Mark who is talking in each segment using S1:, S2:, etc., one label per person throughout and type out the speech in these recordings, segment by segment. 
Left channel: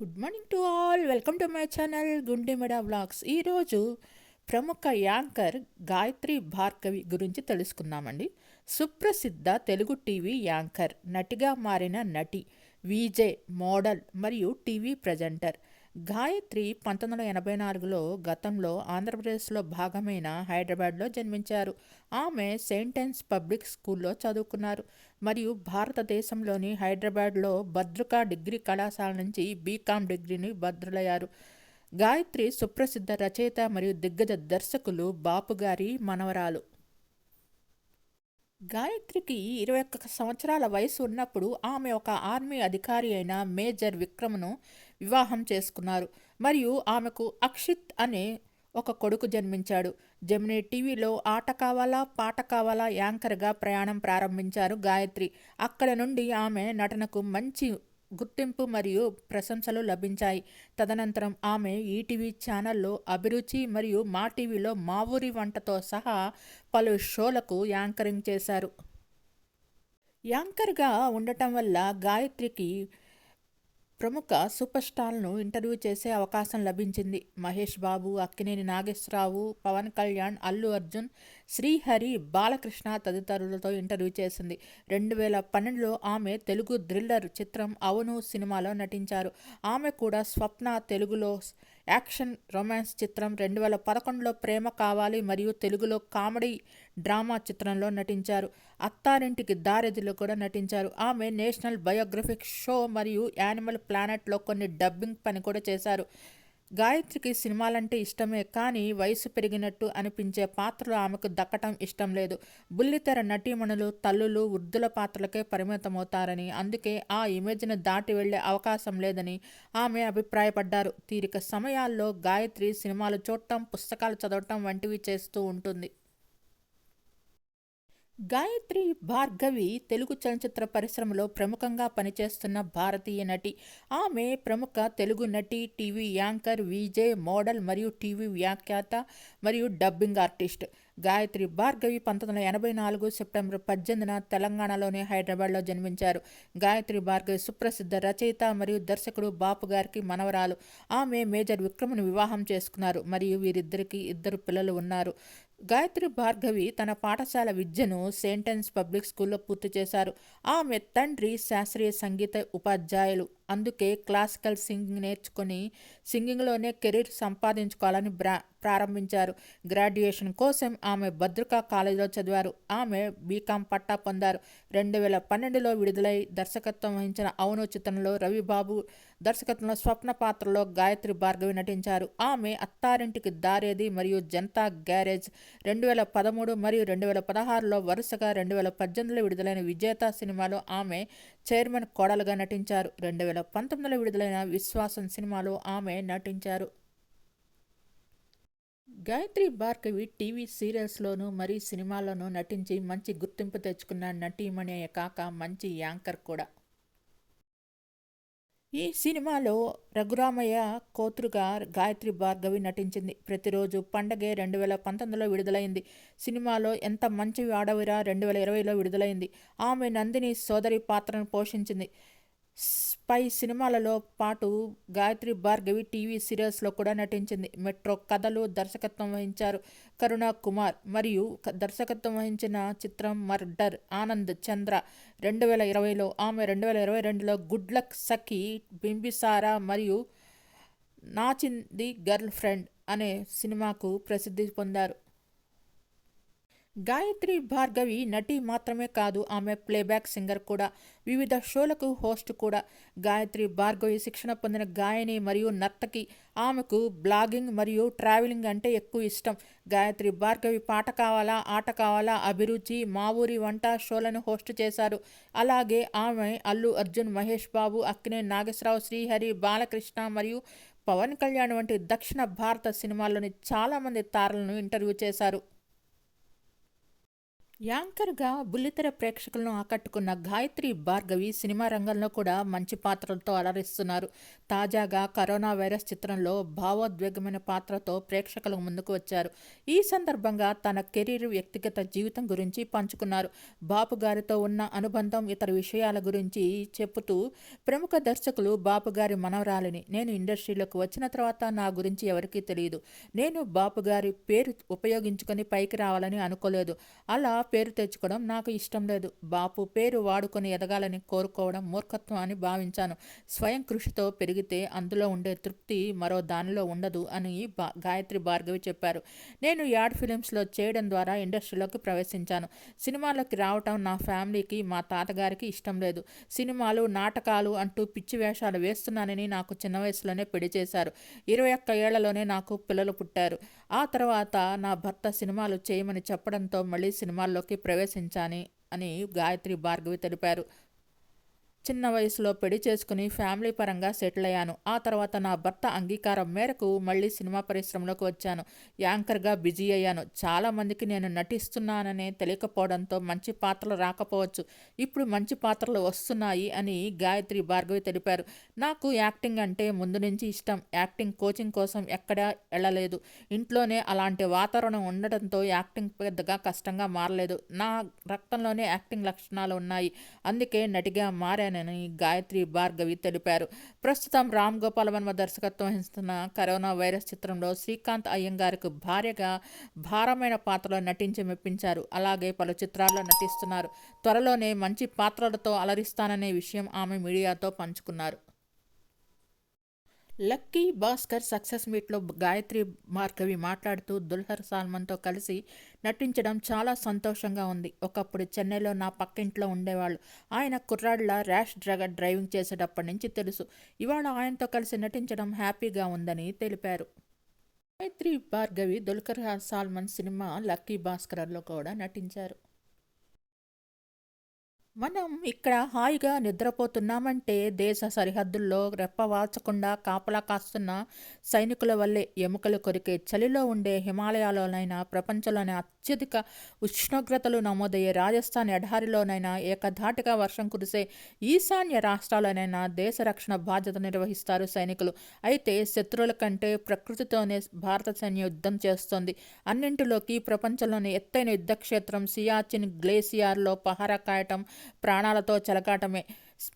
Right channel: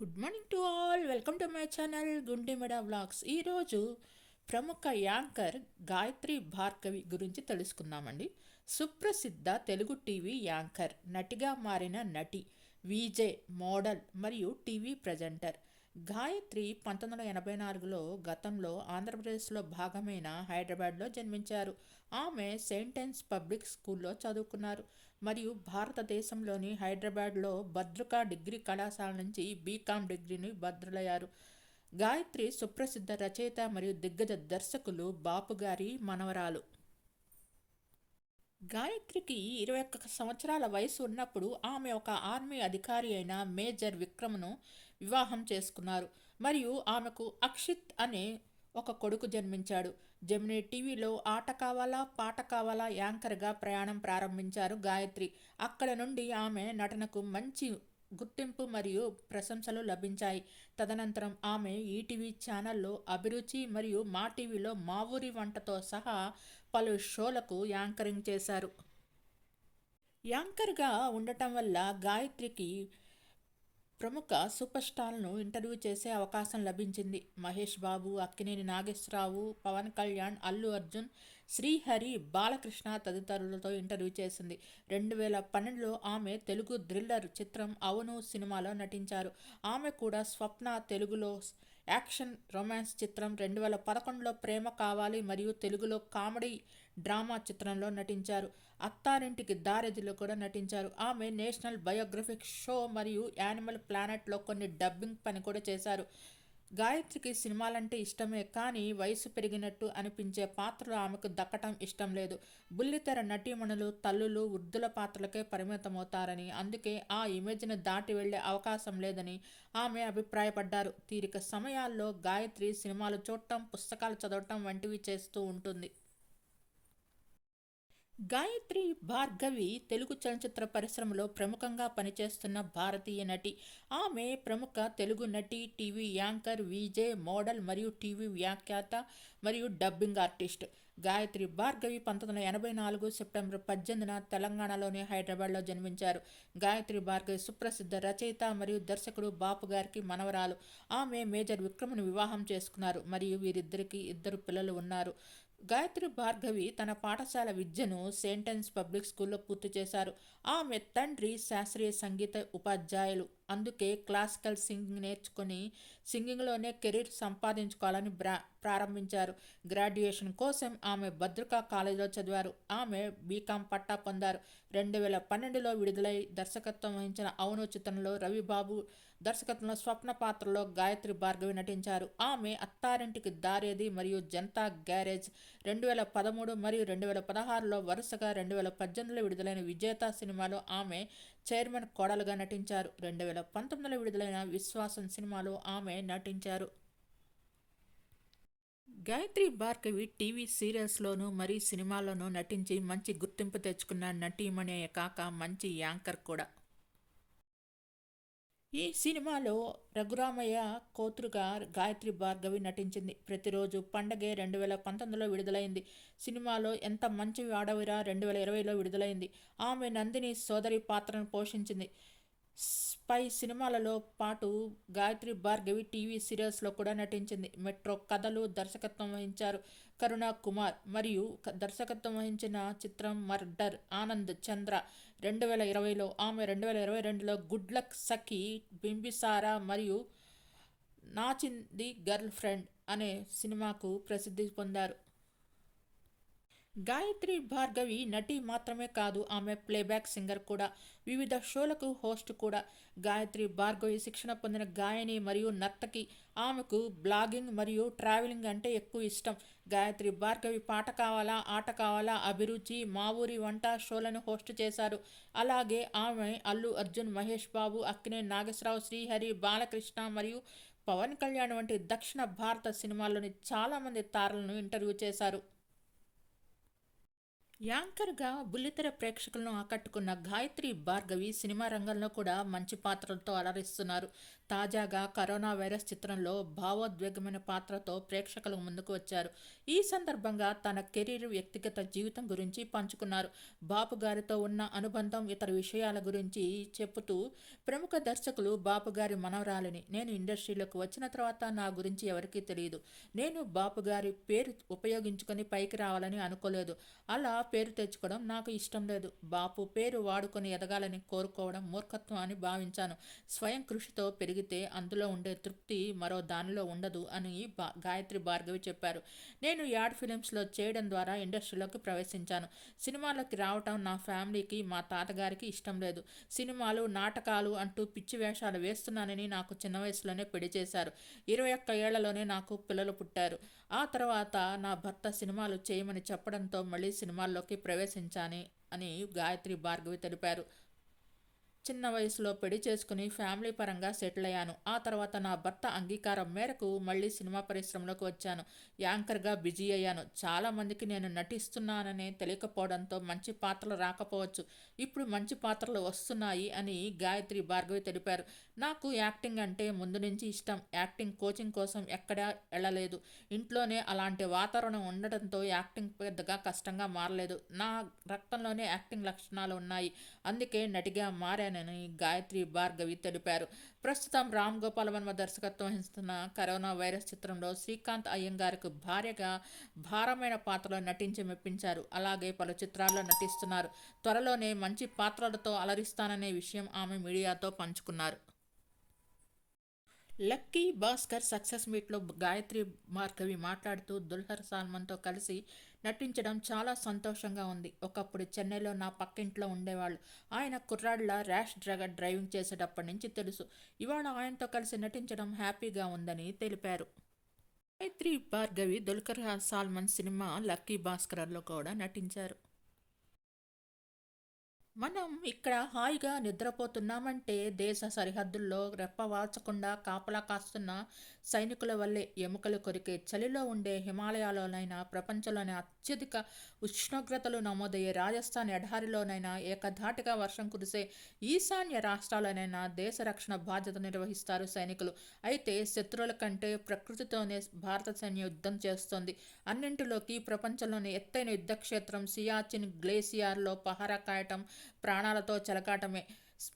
S1: Good morning to all welcome to my channel Gundemeda vlogs ఈరోజు ప్రముఖ anchor Gayatri Bhargavi గురించి తెలుసుకుందామండి. సుప్రసిద్ధ తెలుగు టీవీ యాంకర్ నటిగా మారిన నటి విజే మోడల్ మరియు టీవీ ప్రజెంటర్. గాయత్రి పంతొమ్మిది వందల ఎనభై నాలుగులో గతంలో ఆంధ్రప్రదేశ్లో భాగమైన హైదరాబాద్లో జన్మించారు. ఆమె సెయింటెన్స్ పబ్లిక్ స్కూల్లో చదువుకున్నారు. మరియు భారతదేశంలోని హైదరాబాద్లో భద్రకా డిగ్రీ కళాశాల నుంచి బీకామ్ డిగ్రీని భద్రులయ్యారు. గాయత్రి సుప్రసిద్ధ రచయిత మరియు దిగ్గజ దర్శకులు బాపు గారి మనవరాలు. గాయత్రికి ఇరవై ఒక్క సంవత్సరాల వయసు ఉన్నప్పుడు ఆమె ఒక ఆర్మీ అధికారి అయిన మేజర్ విక్రమ్ను వివాహం చేసుకున్నారు. మరియు ఆమెకు అక్షిత్ అనే ఒక కొడుకు జన్మించాడు. జమినీ టీవీలో ఆట కావాలా పాట కావాలా యాంకర్గా ప్రయాణం ప్రారంభించారు గాయత్రి. అక్కడ నుండి ఆమె నటనకు మంచి గుర్తింపు మరియు ప్రశంసలు లభించాయి. తదనంతరం ఆమె ఈటీవీ ఛానల్లో అభిరుచి మరియు మా టీవీలో మా ఊరి వంటతో సహా పలు షోలకు యాంకరింగ్ చేశారు. యాంకర్గా ఉండటం వల్ల గాయత్రికి ప్రముఖ సూపర్ స్టార్లను ఇంటర్వ్యూ చేసే అవకాశం లభించింది. మహేష్ బాబు అక్కినేని నాగేశ్వరరావు పవన్ కళ్యాణ్ అల్లు అర్జున్ శ్రీహరి బాలకృష్ణ తదితరులతో ఇంటర్వ్యూ చేసింది. రెండు వేల పన్నెండులో ఆమె తెలుగు థ్రిల్లర్ చిత్రం అవును సినిమాలో నటించారు. ఆమె కూడా స్వప్న తెలుగులో యాక్షన్ రొమాన్స్ చిత్రం రెండు వేల పదకొండులో ప్రేమ కావాలి మరియు తెలుగులో కామెడీ డ్రామా చిత్రంలో నటించారు. అత్తారింటికి దారెదిలో కూడా నటించారు. ఆమె నేషనల్ బయోగ్రఫిక్ షో మరియు యానిమల్ ప్లానెట్లో కొన్ని డబ్బింగ్ పని కూడా చేశారు. గాయత్రికి సినిమాలంటే ఇష్టమే కానీ వయసు పెరిగినట్టు అనిపించే పాత్రలు ఆమెకు దక్కటం ఇష్టం లేదు. బుల్లితెర నటీమణులు తల్లులు వృద్ధుల పాత్రలకే పరిమితమవుతారని అందుకే ఆ ఇమేజ్ను దాటి వెళ్ళే అవకాశం లేదని ఆమె అభిప్రాయపడ్డారు. తీరిక సమయాల్లో గాయత్రి సినిమాలు చూడటం పుస్తకాలు చదవటం వంటివి చేస్తూ ఉంటుంది. గాయత్రి భార్గవి తెలుగు చలనచిత్ర పరిశ్రమలో ప్రముఖంగా పనిచేస్తున్న భారతీయ నటి. ఆమె ప్రముఖ తెలుగు నటి టీవీ యాంకర్ విజే మోడల్ మరియు టీవీ వ్యాఖ్యాత మరియు డబ్బింగ్ ఆర్టిస్ట్. గాయత్రి భార్గవి పంతొమ్మిది వందల ఎనభై నాలుగు సెప్టెంబర్ పద్దెనిమిదిన తెలంగాణలోని హైదరాబాద్లో జన్మించారు. గాయత్రి భార్గవి సుప్రసిద్ధ రచయిత మరియు దర్శకుడు బాపు గారికి మనవరాలు. ఆమె మేజర్ విక్రమ్ను వివాహం చేసుకున్నారు. మరియు వీరిద్దరికి ఇద్దరు పిల్లలు ఉన్నారు. గాయత్రి భార్గవి తన పాఠశాల విద్యను సెయింటెన్స్ పబ్లిక్ స్కూల్లో పూర్తి చేశారు. ఆమె తండ్రి శాస్త్రీయ సంగీత ఉపాధ్యాయులు. అందుకే క్లాసికల్ సింగింగ్ నేర్చుకొని సింగింగ్లోనే కెరీర్ సంపాదించుకోవాలని బ్రా ప్రారంభించారు. గ్రాడ్యుయేషన్ కోసం ఆమె భద్రకా కాలేజీలో చదివారు. ఆమె బీకాం పట్టా పొందారు. రెండు వేల పన్నెండులో విడుదలై దర్శకత్వం వహించిన అవును చిత్రంలో రవిబాబు దర్శకత్వంలో స్వప్న పాత్రలో గాయత్రి భార్గవి నటించారు. ఆమె అత్తారింటికి దారేది మరియు జనతా గ్యారేజ్ రెండు వేల పదమూడు మరియు రెండు వేల పదహారులో వరుసగా రెండు వేల పద్దెనిమిదిలో విడుదలైన విజేత సినిమాలో ఆమె చైర్మన్ కోడలుగా నటించారు. రెండు వేల పంతొమ్మిదిలో విడుదలైన విశ్వాసం సినిమాలో ఆమె నటించారు. గాయత్రి భార్గవి టీవీ సీరియల్స్లోనూ మరి సినిమాల్లోనూ నటించి మంచి గుర్తింపు తెచ్చుకున్న నటీమణి కాక మంచి యాంకర్ కూడా. ఈ సినిమాలో రఘురామయ్య కోతురుగా గాయత్రి భార్గవి నటించింది. ప్రతిరోజు పండగే రెండు వేల పంతొమ్మిదిలో విడుదలైంది. సినిమాలో ఎంత మంచి ఆడవిరా రెండు వేల ఇరవైలో విడుదలైంది. ఆమె నందిని సోదరి పాత్రను పోషించింది. పై సినిమాలలో పాటు గాయత్రి భార్గవి టీవీ సీరియల్స్లో కూడా నటించింది. మెట్రో కథలు దర్శకత్వం వహించారు. కరుణ కుమార్ మరియు దర్శకత్వం వహించిన చిత్రం మర్డర్ ఆనంద్ చంద్ర రెండు వేల ఇరవైలో ఆమె రెండు వేల ఇరవై రెండులో గుడ్ లక్ సఖి బింబిసారా మరియు నాచింది గర్ల్ ఫ్రెండ్ అనే సినిమాకు ప్రసిద్ధి పొందారు. గాయత్రి భార్గవి నటి మాత్రమే కాదు ఆమె ప్లేబ్యాక్ సింగర్ కూడా. వివిధ షోలకు హోస్ట్ కూడా. గాయత్రి భార్గవి శిక్షణ పొందిన గాయని మరియు నర్తకి ఆమెకు బ్లాగింగ్ మరియు ట్రావెలింగ్ అంటే ఎక్కువ ఇష్టం. గాయత్రి భార్గవి పాట కావాలా ఆట కావాలా అభిరుచి మా ఊరి వంట షోలను హోస్ట్ చేశారు. అలాగే ఆమె అల్లు అర్జున్ మహేష్ బాబు అక్కినే నాగేశ్వరరావు శ్రీహరి బాలకృష్ణ మరియు పవన్ కళ్యాణ్ వంటి దక్షిణ భారత సినిమాల్లోని చాలామంది తారలను ఇంటర్వ్యూ చేశారు. యాంకర్గా బుల్లితెర ప్రేక్షకులను ఆకట్టుకున్న గాయత్రి భార్గవి సినిమా రంగంలో కూడా మంచి పాత్రలతో అలరిస్తున్నారు. తాజాగా కరోనా వైరస్ చిత్రంలో భావోద్వేగమైన పాత్రతో ప్రేక్షకుల ముందుకు వచ్చారు. ఈ సందర్భంగా తన కెరీర్ వ్యక్తిగత జీవితం గురించి పంచుకున్నారు. బాపు గారితో ఉన్న అనుబంధం ఇతర విషయాల గురించి చెబుతూ ప్రముఖ దర్శకులు బాపు గారి మనవరాలిని నేను ఇండస్ట్రీలోకి వచ్చిన తర్వాత నా గురించి ఎవరికీ తెలియదు నేను బాపు గారి పేరు ఉపయోగించుకొని పైకి రావాలని అనుకోలేదు. అలా పేరు తెచ్చుకోవడం నాకు ఇష్టం లేదు. బాపు పేరు వాడుకొని ఎదగాలని కోరుకోవడం మూర్ఖత్వం అని భావించాను. స్వయం కృషితో పెరిగితే అందులో ఉండే తృప్తి మరో దానిలో ఉండదు అని బా గాయత్రి భార్గవి చెప్పారు. నేను యాడ్ ఫిలిమ్స్లో చేయడం ద్వారా ఇండస్ట్రీలోకి ప్రవేశించాను. సినిమాలోకి రావటం నా ఫ్యామిలీకి మా తాతగారికి ఇష్టం లేదు. సినిమాలు నాటకాలు అంటూ పిచ్చి వేషాలు వేస్తున్నానని నాకు చిన్న వయసులోనే పెళ్ళి చేశారు. ఇరవై ఒక్క ఏళ్ళలోనే నాకు పిల్లలు పుట్టారు. ఆ తర్వాత నా భర్త సినిమాలు చేయమని చెప్పడంతో మళ్ళీ సినిమాల్లోకి ప్రవేశించాని అని గాయత్రి భార్గవి తెలిపారు. చిన్న వయసులో పెళ్ళి చేసుకుని ఫ్యామిలీ పరంగా సెటిల్ అయ్యాను. ఆ తర్వాత నా భర్త అంగీకారం మేరకు మళ్ళీ సినిమా పరిశ్రమలోకి వచ్చాను. యాంకర్గా బిజీ అయ్యాను. చాలామందికి నేను నటిస్తున్నాననే తెలియకపోవడంతో మంచి పాత్రలు రాకపోవచ్చు. ఇప్పుడు మంచి పాత్రలు వస్తున్నాయి అని గాయత్రి భార్గవి తెలిపారు. నాకు యాక్టింగ్ అంటే ముందు నుంచి ఇష్టం. యాక్టింగ్ కోచింగ్ కోసం ఎక్కడా వెళ్ళలేదు. ఇంట్లోనే అలాంటి వాతావరణం ఉండడంతో యాక్టింగ్ పెద్దగా కష్టంగా మారలేదు. నా రక్తంలోనే యాక్టింగ్ లక్షణాలు ఉన్నాయి. అందుకే నటిగా మారాను. మారానని గాయత్రి భార్గవి తెలిపారు. ప్రస్తుతం రామ్ గోపాల్ వర్మ దర్శకత్వం వహిస్తున్న కరోనా వైరస్ చిత్రంలో శ్రీకాంత్ అయ్యంగారికి భార్యగా భారమైన పాత్రలో నటించి మెప్పించారు. అలాగే పలు చిత్రాల్లో నటిస్తున్నారు. త్వరలోనే మంచి పాత్రలతో అలరిస్తాననే విషయం ఆమె మీడియాతో పంచుకున్నారు. లక్కీ భాస్కర్ సక్సెస్ మీట్లో గాయత్రి భార్గవి మాట్లాడుతూ దుల్హర్ సాల్మన్తో కలిసి నటించడం చాలా సంతోషంగా ఉంది. ఒకప్పుడు చెన్నైలో నా పక్కింట్లో ఉండేవాళ్ళు. ఆయన కుర్రాడ్ల ర్యాష్ డ్రగర్ డ్రైవింగ్ చేసేటప్పటి నుంచి తెలుసు. ఇవాళ ఆయనతో కలిసి నటించడం హ్యాపీగా ఉందని తెలిపారు. గాయత్రి భార్గవి దుల్కర్ సాల్మన్ సినిమా లక్కీ భాస్కర్లో కూడా నటించారు. మనం ఇక్కడ హాయిగా నిద్రపోతున్నామంటే దేశ సరిహద్దుల్లో రెప్పవాల్చకుండా కాపలా కాస్తున్న సైనికుల వల్లే ఎముకలు కొరికే చలిలో ఉండే హిమాలయాలోనైనా ప్రపంచంలోనే అత్యధిక ఉష్ణోగ్రతలు నమోదయ్యే రాజస్థాన్ ఎడారిలోనైనా ఏకధాటిగా వర్షం కురిసే ఈశాన్య రాష్ట్రాలనైనా దేశ రక్షణ బాధ్యత నిర్వహిస్తారు సైనికులు. అయితే శత్రువుల కంటే ప్రకృతితోనే భారత సైన్యం యుద్ధం చేస్తోంది. అన్నింటిలోకి ప్రపంచంలోని ఎత్తైన యుద్ధక్షేత్రం సియాచిన్ గ్లేసియార్లో పహారా కాయటం ప్రాణాలతో చెలకాటమే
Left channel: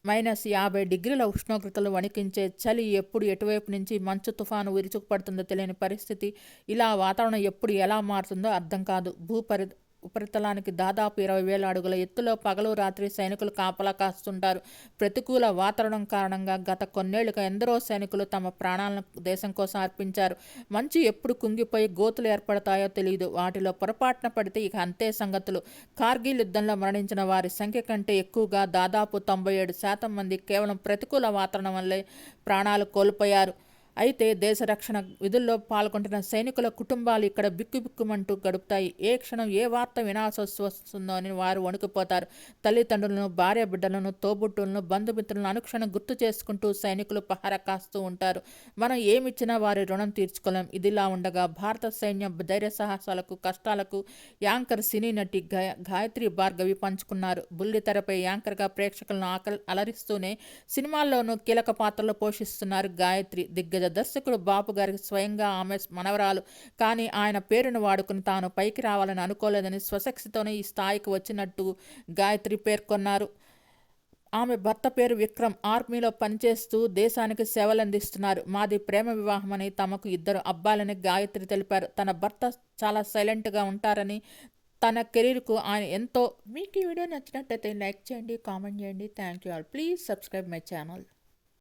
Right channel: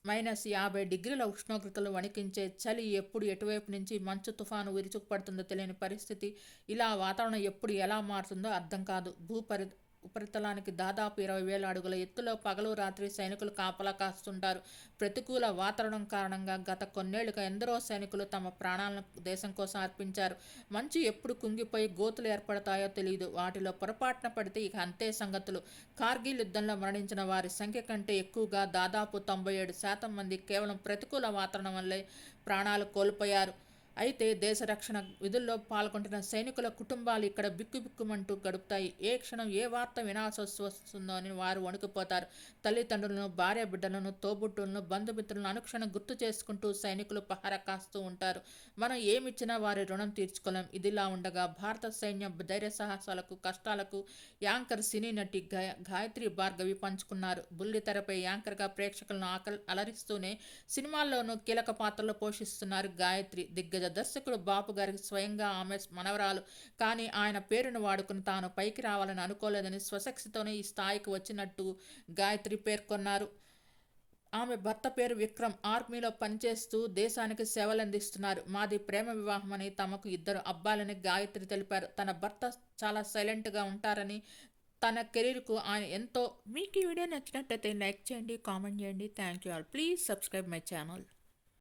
S1: మైనస్ యాభై డిగ్రీల ఉష్ణోగ్రతలు వణికించే చలి ఎప్పుడు ఎటువైపు నుంచి మంచు తుఫాను విరుచుకుపడుతుందో తెలియని పరిస్థితి. ఇలా వాతావరణం ఎప్పుడు ఎలా మారుతుందో అర్థం కాదు. భూపరి ఉపరితలానికి దాదాపు ఇరవై వేల అడుగుల ఎత్తులో పగలు రాత్రి సైనికులు కాపలా కాస్తుంటారు. ప్రతికూల వాతావరణం కారణంగా గత కొన్నేళ్ళుగా ఎందరో సైనికులు తమ ప్రాణాలను దేశం కోసం అర్పించారు. మంచు ఎప్పుడు కుంగిపోయి గోతులు ఏర్పడతాయో తెలియదు వాటిలో పొరపాటున పడితే ఇక అంతే సంగతులు. కార్గిల్ యుద్ధంలో మరణించిన వారి సంఖ్య కంటే ఎక్కువగా దాదాపు తొంభై ఏడు శాతం మంది కేవలం ప్రతికూల వాతావరణం వల్లే ప్రాణాలు కోల్పోయారు. అయితే దేశ రక్షణ విధుల్లో పాల్గొంటున్న సైనికుల కుటుంబాలు ఇక్కడ బిక్కుబిక్కుమంటూ గడుపుతాయి. ఏ క్షణం ఏ వార్త వినాల్సి వస్తుందో అని వారు వణుకుపోతారు. తల్లిదండ్రులను భార్య బిడ్డలను తోబుట్టులను బంధుమిత్రులను అనుక్షణం గుర్తు చేసుకుంటూ సైనికులు పహార కాస్తూ ఉంటారు. మనం ఏమిచ్చినా వారి రుణం తీర్చుకోలేం. ఇదిలా ఉండగా భారత సైన్యం ధైర్య సాహసాలకు కష్టాలకు యాంకర్ సినీ నటి గాయత్రి భార్గవి పంచుకున్నారు. బుల్లితెరపై యాంకర్గా ప్రేక్షకులను ఆకలి అలరిస్తూనే సినిమాల్లోనూ కీలక పాత్రలు పోషిస్తున్నారు గాయత్రి దిగ్గజ దర్శకుడు బాపు గారికి స్వయంగా ఆమె మనవరాలు. కానీ ఆయన పేరును వాడుకుని తాను పైకి రావాలని అనుకోలేదని స్వశక్తితోనే ఈ స్థాయికి వచ్చినట్టు గాయత్రి పేర్కొన్నారు. ఆమె భర్త పేరు విక్రమ్. ఆర్మీలో పనిచేస్తూ దేశానికి సేవలందిస్తున్నారు. మాది ప్రేమ వివాహమని తమకు ఇద్దరు అబ్బాయిలని గాయత్రి తెలిపారు. తన భర్త చాలా సైలెంట్గా ఉంటారని తన కెరీర్కు ఆయన ఎంతో మీకు ఈ వీడియో నచ్చినట్టయితే లైక్ చేయండి కామెంట్ చేయండి. Thank you all. Please subscribe my channel.